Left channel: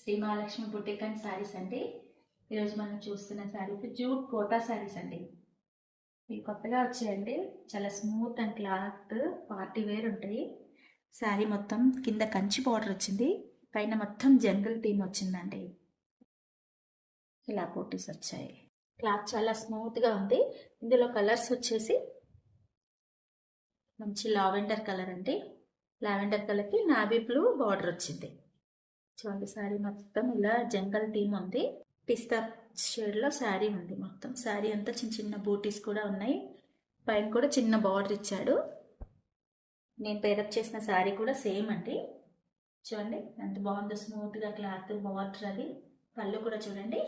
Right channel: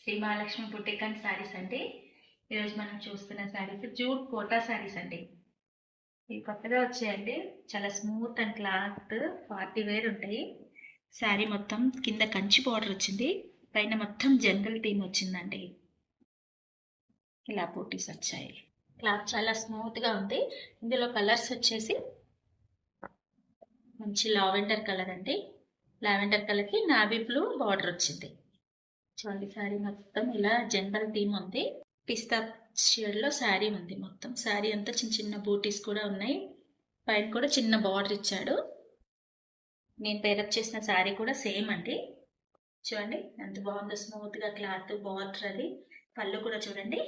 Shri Mahalakshmi boutique and saris అండి. ఈరోజు మనం చూస్తున్న శారీస్ జూట్ కోటా శారీస్ అండి. ఇవి కొత్తగా వచ్చాయండి. చాలా smooth and cloth party wear ఉంటాయి. శారీ మొత్తం కింద కంచి బార్డర్ వచ్చింది, పైన మొత్తం జంగల్ థీమ్ వచ్చిందండి. ఇలా బూటీస్ వచ్చాయి. క్లాత్ చాలా స్మూత్గా ఉంది. ఇందులో కలర్స్ వచ్చేసి మంచి లావెండర్ కలర్ అండి. లావెండర్ కలర్కి నావీ బ్లూ బార్డర్ వచ్చింది. చూడండి, శారీ మొత్తం ఇలా జంగల్ థీమ్ ఉంది. పిస్తా షేడ్లో శారీ ఉంది. మొత్తం శారీ అంతా చిన్న చిన్న బూటీస్ కూడా ఉన్నాయి. పైన కూడా చిన్న బార్డర్ ఇచ్చాడు. నేను పేరప్ చేసిన శారీ కూడా సేమ్ అండి. చూడండి ఎంత బాగుందో, స్మూత్గా క్లాత్ బార్డర్. అది పళ్ళు కూడా చూడండి